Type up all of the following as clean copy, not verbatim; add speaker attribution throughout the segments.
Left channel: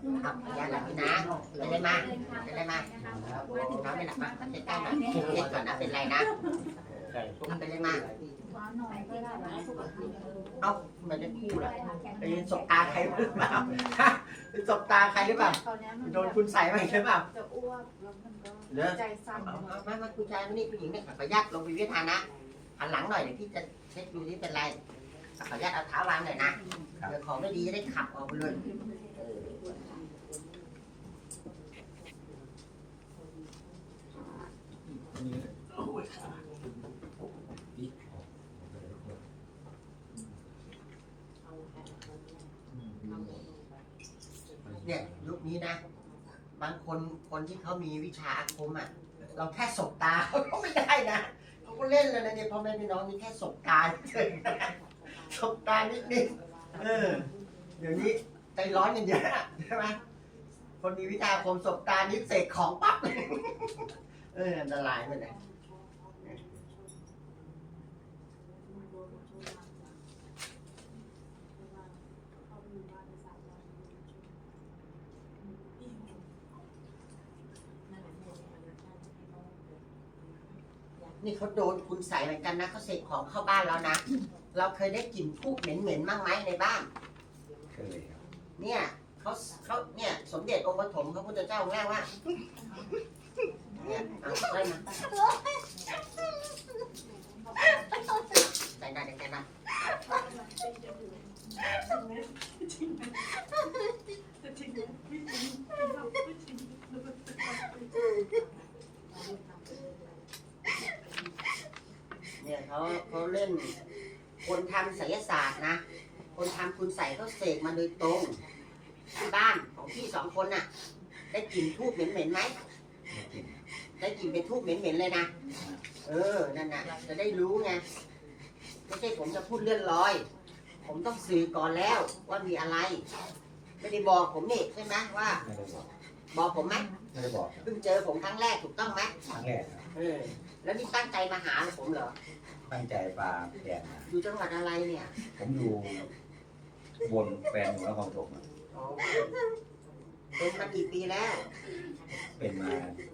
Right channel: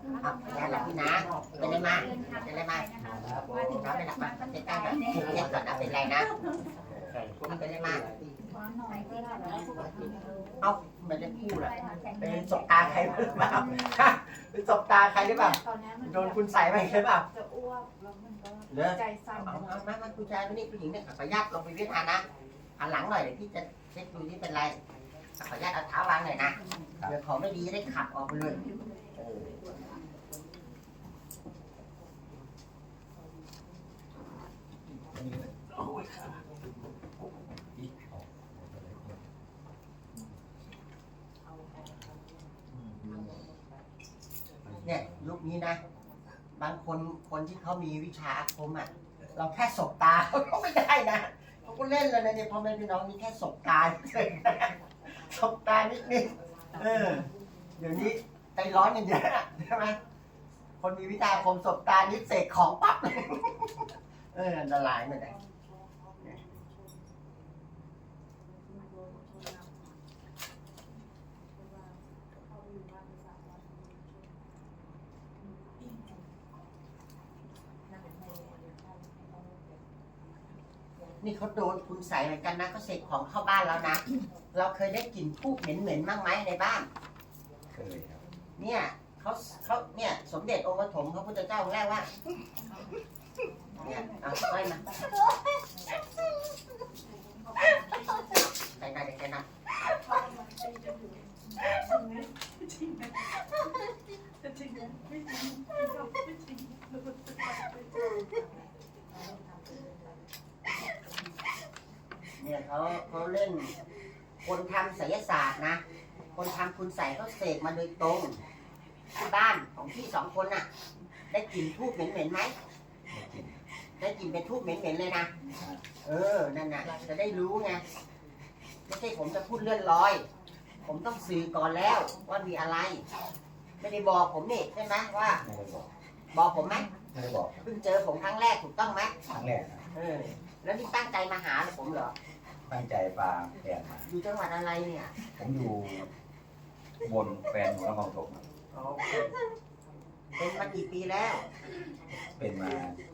Speaker 1: เอาอย่าหลับพี่นะเป็นไรมาเป็นไรมาน้องไม่หลับมาเช็ดใต้หน่อยเช็ดก่อนนะเป็นไรนะเอาเป็นไรมาเอาไม่ได้คู่หรอเป็นสบตาใครหรือเปล่าเป็นสบตาใครหรือเปล่าโดนคุณใส่ไหมหรือเปล่า
Speaker 2: จะอ้วกแล้วมันก็
Speaker 1: เด้อ
Speaker 2: ใจสั่น
Speaker 1: มาผู้ชายนี่ผู้หญิงเนี่ยขออนุญาตลงไปเวียดนามนะหันหลังหน่อยเดี๋ยวพี่จะเช็คดูที่เป็นไรขออนุญาตเอาเท้าวางหน่อยนะเดี๋ยวของไม่ดีจะได้ขับออกไปเลยเนี่ยยุคนี้นะบางคนที่เขามีวิชาอาคมอ่ะเราแค่สบตาเขาก็ไม่ได้นะเขาก็เล่นแล้วนะเนี่ยพ่อแม่พี่น้องนี่แค่สบตาเฉยสบตานิดเดี๋ยวนี้ใจร้อนกันเยอะใช่ไหมคนมีวิชาอาคมสบตานิดเสกของปั๊บเลยอันตรายไปเลยนี่เขาโดนคุณใส่เหมือนกันนะเขาเสกของเข้าบ้านแล้วนะเราเคยได้กลิ่นทูบเหม็นๆบ้างไหมในบ้าน
Speaker 3: เคยครับ
Speaker 1: เนี่ยเขาเนี่ยสมเด็จองค์ปฐมพระพุทธเจ้าองค์แรกว่าเนี่ยเอาไปมาใส่ได้ใส่ได้เนี่ยเขาเล่นคนทำไสยศาสตร์นะคนทำคุณใส่เขาเสกมาโดยตรงที่บ้านของพี่สองคนน่ะได้กลิ่นทูบเหม็นๆไหมได้กลิ่นเป็นทูบเหม็นๆเลยนะนั่นน่ะจะได้รู้ไงไม่ใช่ผมจะพูดเลื่อนลอยผมต้องสื่อก่อนแล้วว่ามีอะไรไม่ได้บอกผมนี่ใช่ไหมว่า
Speaker 3: ไม่ได้
Speaker 1: บอกผมไหม
Speaker 3: ไม่ได้บอก
Speaker 1: เพิ่งเจอผมครั้งแรกถูกต้องไหม
Speaker 3: ครั้งแรกครับ
Speaker 1: แล้วนี่ตั้งใจมาหาผมเหรอ
Speaker 3: ตั้งใจปลาแทนมา
Speaker 1: อยู่จังหวัดอะไรเนี่ย
Speaker 3: ผมอยู่บนแฟนอยู่นครปฐม
Speaker 1: เป็นมากี่ปีแล้ว
Speaker 3: เป็นมา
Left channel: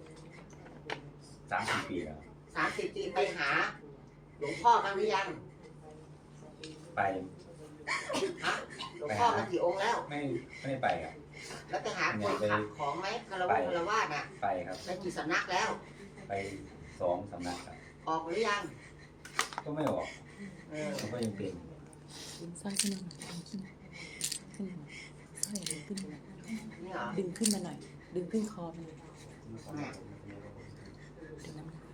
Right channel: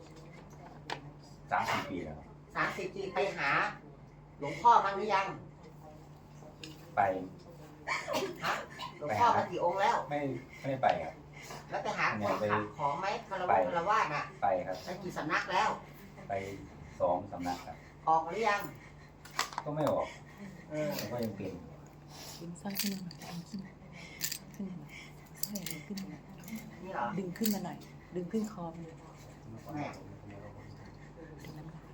Speaker 3: 30 ปีแล้ว
Speaker 1: 30 ปีไปหาหลวงพ่อมาหรือยัง
Speaker 3: ไป
Speaker 1: ฮะหลวงพ่อมากี่องค์แล้ว
Speaker 3: ไม่ได้ไปครับ
Speaker 1: แล้วไปหาคนขับของไหมคารวะน่ะ
Speaker 3: ไปครับ
Speaker 1: ไปกี่สำนักแล้ว
Speaker 3: ไป2 สำนักครับ
Speaker 1: ออกหรือยัง
Speaker 3: ก็ไม่ออกผมก็ยังเป็น
Speaker 4: ดึงสร้อยขึ้นมาหน่อยขึ้นมาสร้อยดึงขึ้นมา
Speaker 1: นี่เหรอ
Speaker 4: ดึงขึ้นมาหน่อยดึงขึ้นคอมัน
Speaker 1: แม่
Speaker 4: ดึงน้ำลาย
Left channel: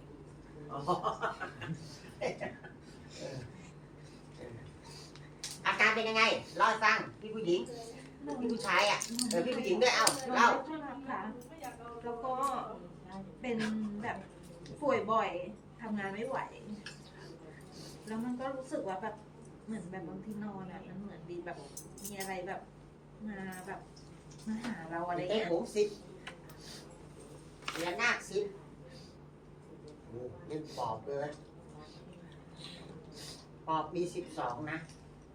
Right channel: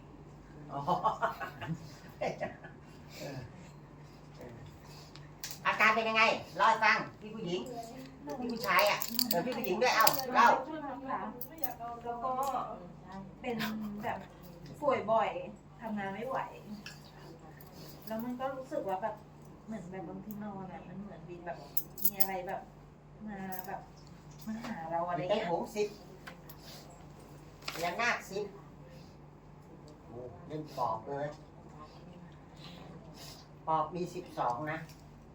Speaker 1: อาการเป็นยังไงเล่าให้ฟังพี่ผู้หญิงพี่ผู้ชายอ่ะพี่ผู้หญิงด้วยเอ้าเล่า
Speaker 2: แล้วก็เป็นแบบป่วยบ่อยทำงานไม่ไหวแล้วมันก็รู้สึกว่าแบบเหมือนแบบบางทีนอนอ่ะมันเหมือนดีแบบมีอะไรแบบมาแบบมาหาเราอะไร
Speaker 1: เงี้ยหงสิบเรียนนาคสิบเล่นปอบเลยปอบมี12นะ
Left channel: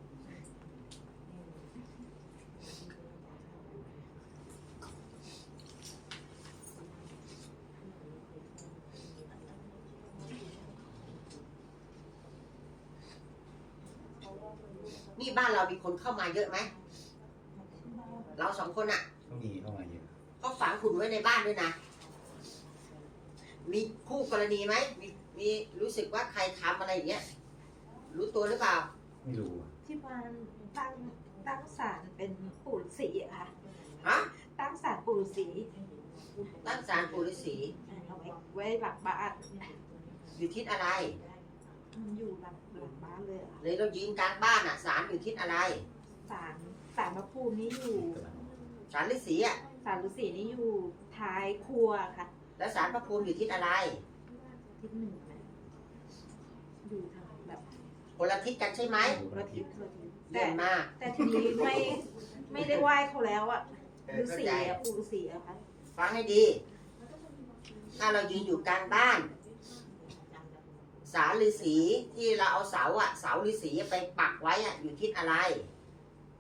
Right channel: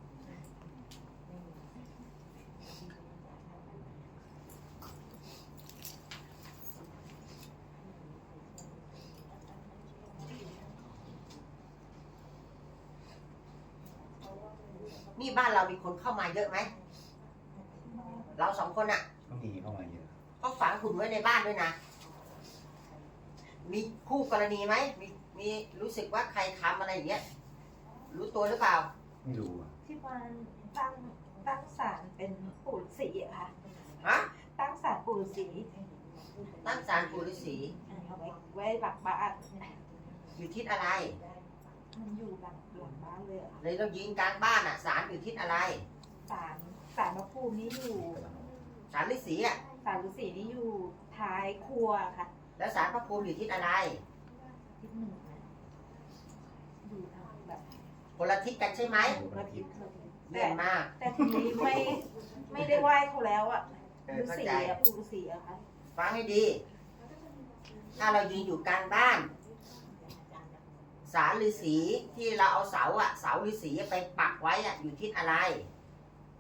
Speaker 1: นี่บ้านเรามีคนเข้ามาเยอะไหมเรา2 คนอ่ะ
Speaker 3: ก็มีเข้ามาเยอะ
Speaker 1: ก็ฝังหุ่นไว้ในบ้านด้วยนะมีคู่กรณีไหมมีรู้สึกว่าใครทำอะไรอย่างเงี้ยรู้ตัวหรือเปล่า
Speaker 3: ไม่รู้
Speaker 2: ที่บ้านตั้งศาลเป็นปู่ฤาษีอะค่ะ
Speaker 1: ฮะ
Speaker 2: ตั้งศาลปู่ฤาษี
Speaker 1: ตั้งศาลปู่ฤาษี
Speaker 2: เอาไว้หลังบ้าน
Speaker 1: อยู่ทิศอะไร
Speaker 2: มันอยู่หลังบ้านเลย
Speaker 1: เลยเรายิงกลางบ้านอ่ะศาลอยู่ทิศอะไร
Speaker 2: ศาลพระภูมินี่อยู่
Speaker 1: ศาลฤาษีอ่ะ
Speaker 2: ศาลฤาษีนี่อยู่ท้ายครัวค่ะ
Speaker 1: แล้วศาลพระภูมิอยู่ทิศอะไร
Speaker 2: ทิศหนึ่งนะอยู่ทางแบบ
Speaker 1: คนละทิศกันใช่ไหม
Speaker 2: คนละทิศ
Speaker 1: เยี่ยมมาก
Speaker 2: แต่ทีนี้ไม่ได้ไหว้เขาแล้วอ่ะฤาษีอ่ะปู่ฤาษีอะค่ะ
Speaker 1: ฟังให้ดีถ้าเรายืนอยู่กลางบ้านศาลฤาษีที่เราเอาเสาฤาษีไปปักไว้อยู่ทิศอะไร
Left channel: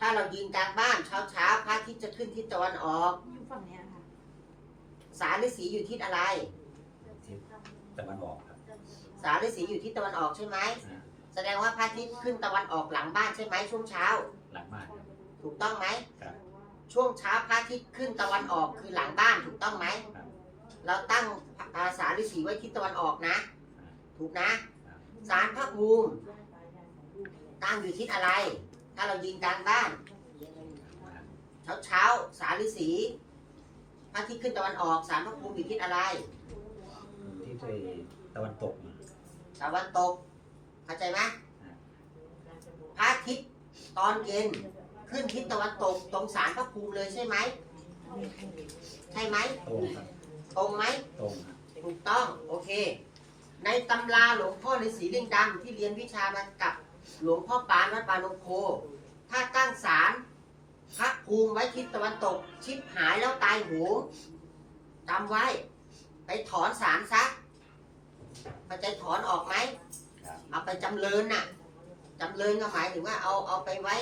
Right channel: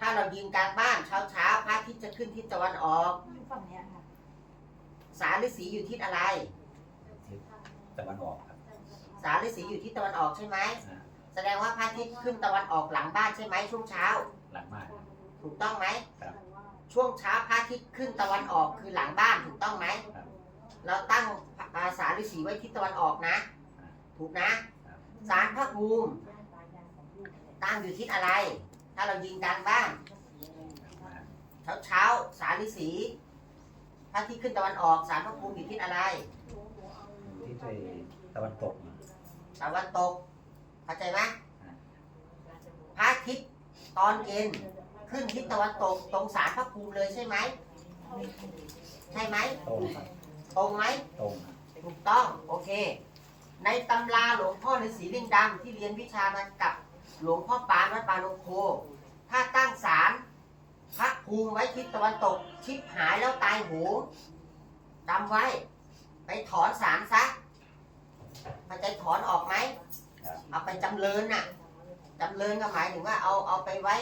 Speaker 1: ถ้าเรายืนกลางบ้านเช้าพระอาทิตย์จะขึ้นทิศตะวันออก
Speaker 2: อยู่ฝั่งเนี้ยค่ะ
Speaker 1: สารฤาษีอยู่ทิศอะไร
Speaker 3: ทิศตะวันออกครับ
Speaker 1: สารฤาษีอยู่ทิศตะวันออกใช่ไหม
Speaker 3: อ่า
Speaker 1: แสดงว่าพระอาทิตย์ขึ้นตะวันออกหลังบ้านใช่ไหมช่วงเช้า
Speaker 3: หลังบ้านครับ
Speaker 1: ถูกต้องไหม
Speaker 3: ครับ
Speaker 1: ช่วงเช้าพระอาทิตย์ขึ้นตะวันออกคือหลังบ้านถูกต้องไหม
Speaker 3: ครับ
Speaker 1: เราตั้งสารฤาษีไว้ทิศตะวันออกนะ
Speaker 3: อ่า
Speaker 1: ถูกนะ
Speaker 3: ครับ
Speaker 1: สารพระภูมิตั้งอยู่ทิศอะไร ถ้าเรายืนกลางบ้าน เช้าสารฤาษีพระอาทิตย์ขึ้นตะวันออกสารพระภูมิอยู่ทิศอะไร
Speaker 3: ที่ตะวันตกมา
Speaker 1: ตะวันตกเข้าใจไหม
Speaker 3: อ่า
Speaker 1: พระอาทิตย์ตอนเย็นขึ้นทิศตะวันตกตรงสารพระภูมิเลยใช่ไหมใช่ไหม
Speaker 3: ตรงครับ
Speaker 1: ตรงไหม
Speaker 3: ตรงครับ
Speaker 1: ถูกต้องโอเค ในตำราหลวงพ่อฤาษีลิงดำที่เรียนวิชามากับหลวงพ่อปานวัดปาโนโค ถ้าตั้งศาลพระภูมิไว้ทิศตะวันตก ชิบหายแล้วตายโหงจำไว้ ไปถอนศาลซะมันจะถอนออกไหม
Speaker 3: ครับ
Speaker 1: เอาไปจำเริญน่ะจำเริญก็หมายถึงว่าเอาไปไว้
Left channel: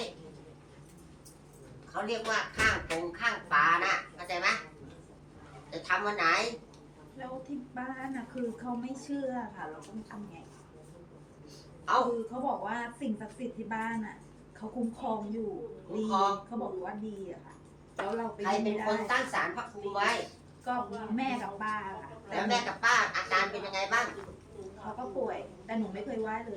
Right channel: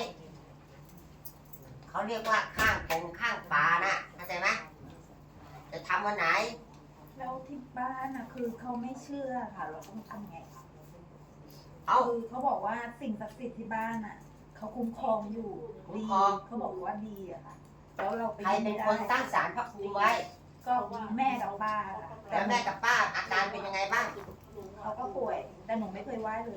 Speaker 1: เขาเรียกว่าข้างตรงข้างฝาน่ะเข้าใจไหมจะทำวันไหน
Speaker 2: แล้วที่บ้านน่ะคือเขาไม่เชื่อค่ะ เราต้องทำไงคะ
Speaker 1: เอา
Speaker 2: คือเขาบอกว่าสิ่งศักดิ์สิทธิ์ที่บ้านน่ะเขาคุ้มครองอยู่
Speaker 1: คุ้ม
Speaker 2: ดี
Speaker 1: ครอง
Speaker 2: เขาบอกว่าดีอะค่ะ แล้วเราไป
Speaker 1: ใครเป็นคนตั้ง
Speaker 2: ได้
Speaker 1: ศาลพระภูมิไว้
Speaker 2: ก็แม่กับป้าค่ะ
Speaker 1: แล้วแม่กับป้าอาการเป็นยังไงบ้าง
Speaker 2: เขาก็ป่วย แต่หนูไม่เคยไหว้เลย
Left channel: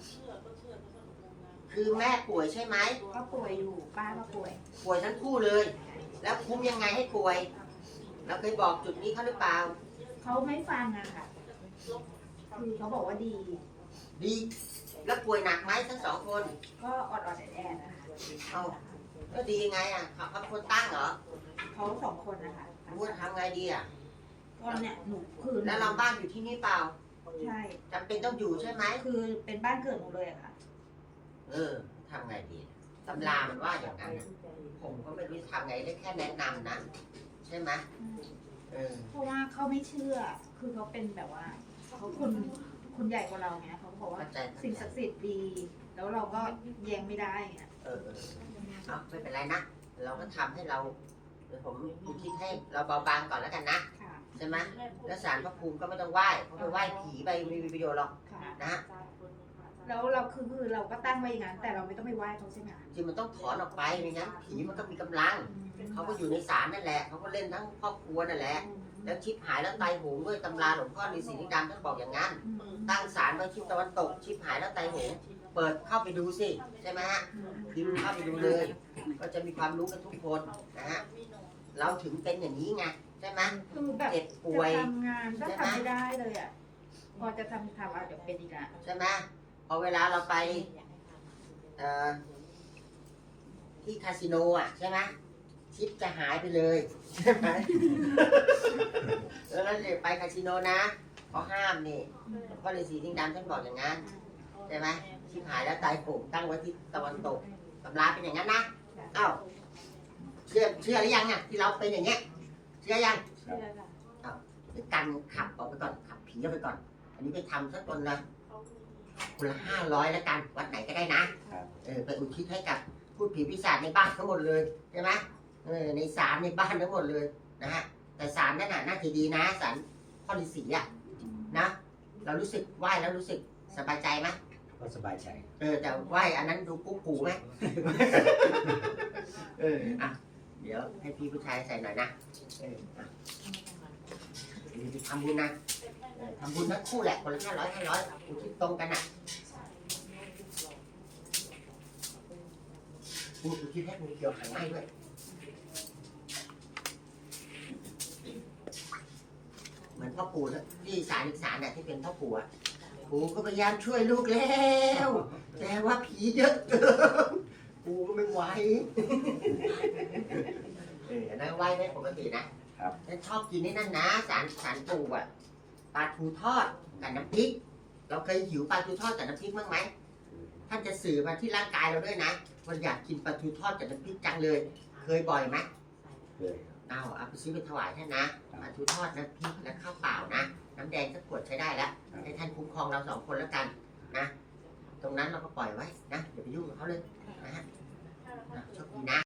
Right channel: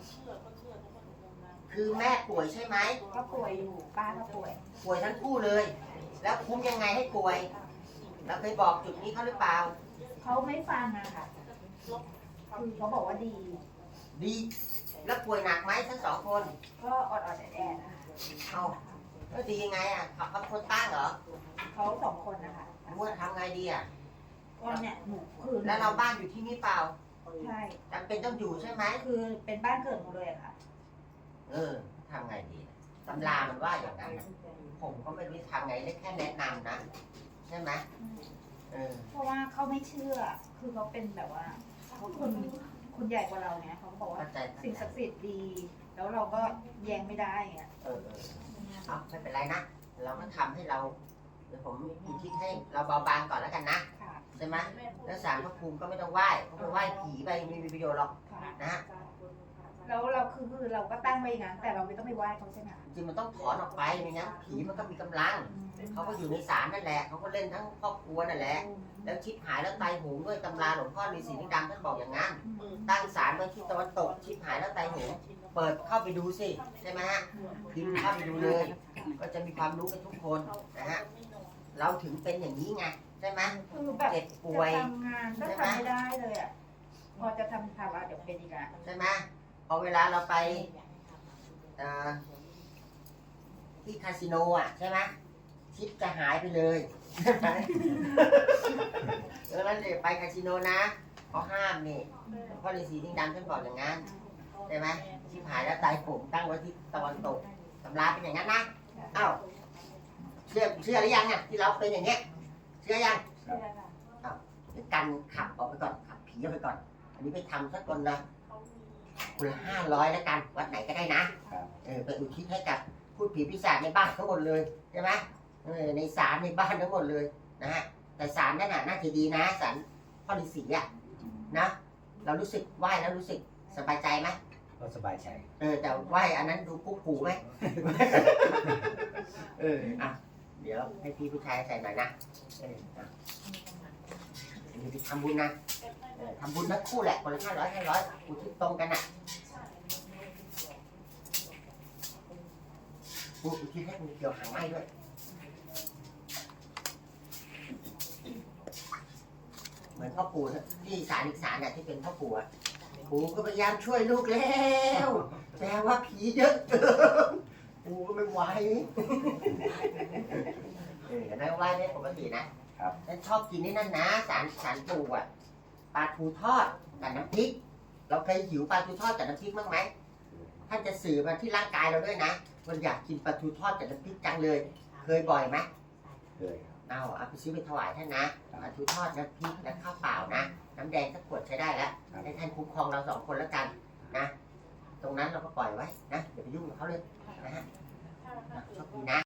Speaker 1: คือแม่ป่วยใช่ไหม
Speaker 2: ก็ป่วยอยู่ป้าก็ป่วย
Speaker 1: ป่วยทั้งคู่เลย แล้วคุ้มยังไงให้ป่วยเราเคยบอกจุดนี้เขาหรือเปล่า
Speaker 2: เขาไม่ฟังอะค่ะ คือเขาบอกว่าดี
Speaker 1: ดี แล้วป่วยหนักไหมทั้งสองคน
Speaker 2: ก็อดแอดๆนะคะ
Speaker 1: เอาแล้วดียังไงอ่ะเขาเป็นคนตั้งเหรอ
Speaker 2: เขาสองคนนะคะ
Speaker 1: รู้ว่าทำไงดีอ่ะ
Speaker 2: ก็เนี่ยหนูคือ
Speaker 1: แล้วเราบ้านอยู่ที่นี่เปล่า
Speaker 2: ใช่
Speaker 1: จำเป็นต้องอยู่ใช่ไหม
Speaker 2: คือเป็นบ้านเกิดหนูเลยอะค่ะ
Speaker 1: ทำไงดีตำรามันว่าอย่างนั้นนะผมก็ไม่รู้จะทำไงได้แค่แนะนำนะ ใช่ไหมเออ
Speaker 2: เพราะว่าเขาไม่เชื่อ คือเขาเป็นแบบว่าเขาคนใหญ่กว่าเราเนี่ยเขาก็บอกว่า
Speaker 1: เข้าใจ
Speaker 2: สิ่งศักดิ์สิทธิ์ดี แล้วเราก็แย้งไม่ได้เงี้ย
Speaker 1: เอาไม่เป็นไรนะ เราก็ทำให้เราเดี๋ยวผมคิดให้เราเบาบางก่อนแล้วกันนะ
Speaker 2: ค่ะ
Speaker 1: ใช่ไหมแล้วศาลพระภูมิก็ไม่ต้องไหว้เพราะไปไหว้ผีไปไม่มีประโยชน์หรอก
Speaker 2: ค่ะ
Speaker 1: นะ
Speaker 2: แล้วเราคือเราก็ตั้งไว้อย่างนั้นแต่เราไม่ต้องไปไหว้เขาใช่ไหมคะ
Speaker 1: จริงมันต้องถอนออกไปไม่งั้นผีมันก็มีกำลัง เขาก็อยู่ในศาลนั่นแหละเขาก็เล่นทั้งครอบครัวนั่นแหละ แล้วชิบหายแล้วตายโหงด้วยตำราหลวงพ่อฤาษีลิงดำท่านบอกอย่างนั้น ตั้งศาลไว้ทิศตะวันตก ชิบหายแล้วตายโหงเปิดเข้าไปดูสิใช่ไหมฮะพิมพ์เข้าไปดูเลย ก็จะมีความรู้กันทุกคนนะฮะเราถึงเป็นอย่างนี้ไงใช่ไหม
Speaker 2: คือแบบ
Speaker 1: เจ็บป่วย
Speaker 2: จะทำงานก็ทำไม่ได้เลยอ่ะ พอจะทำอาจจะเป็นอีกอ่ะ
Speaker 1: ใช่ไหมพอเวลาเราไปเอ่อที่คาสิโนอ่ะใช่ไหมชิปจะหายไปเลยใช่ไหม แล้วนั่นเลยไปคาสิโนนะเขาห้ามนี่หลวงพ่อฤาษีลิงดำท่านบอกอย่างนั้นใช่ไหมชิปหายแล้วตายโหงตั้งไว้ที่ตะวันตกตำราเป็นอย่างนั้นนะอ้าวเชื่อหรือยังเนี่ยที่เราเป็นอย่างเงี้ยเชื่อยัง
Speaker 2: เชื่อค่ะ
Speaker 1: หรือกันขับออกไปก่อนขับผีออกไปก่อน อันนี้ไปทำสักคนละ500แล้วกันวัดไหนก็ได้นะไปอุทิศให้กับพูดผีปีศาจในบ้านทั้งหมดเลยใช่ไหมในศาลในบ้านทั้งหมดเลยนะฮะแต่ศาลนั่นน่ะน่าจะดีนะศาลพ่อฤาษีอ่ะนะเรารู้สึกไหว้แล้วรู้สึกสบายใจไหม
Speaker 3: ก็สบายใจ
Speaker 1: แต่ไหว้อันนั้นดูกุ๊กกูไหม อ่ะเดี๋ยวให้พี่ผู้ชายใส่หน่อยนะอ่ะเดี๋ยวไปทำบุญนะทำบุญทั้งคู่แหละคนละ500อุทิศตรงกันอ่ะอุทิศให้งูเกี่ยวหางไหม้ด้วย เหมือนพ่อปู่ที่ศาลอีกศาลน่ะที่เป็นพ่อปู่อ่ะปู่ก็พยายามช่วยลูกแล้ว แต่ว่าผีเยอะเกินปู่ก็ไม่ไหวอันนั้นไหวได้ปกตินะครับ ฉันชอบกินนี่นั่นนะศาลปู่อ่ะปลาทูทอดกับน้ำพริก เราเคยหิวปลาทูทอดกับน้ำพริกบ้างไหมท่านจะสื่อมาที่ร่างกายเราด้วยนะมันอยากกินปลาทูทอดกับน้ำพริกจังเลย เคยบ่อยไหม
Speaker 3: เคยครับ
Speaker 1: เอาไปซื้อไปถวายท่านนะปลาทูทอดน้ำพริกและข้าวเปล่านะน้ำแดงสักขวดใช้ได้แล้วให้ท่านคุ้มครองเรา2 คนแล้วกันนะ ตรงนั้นเราก็ปล่อยไว้นะอย่าไปยุ่งกับเขาเลยนะฮะโชคดีนะ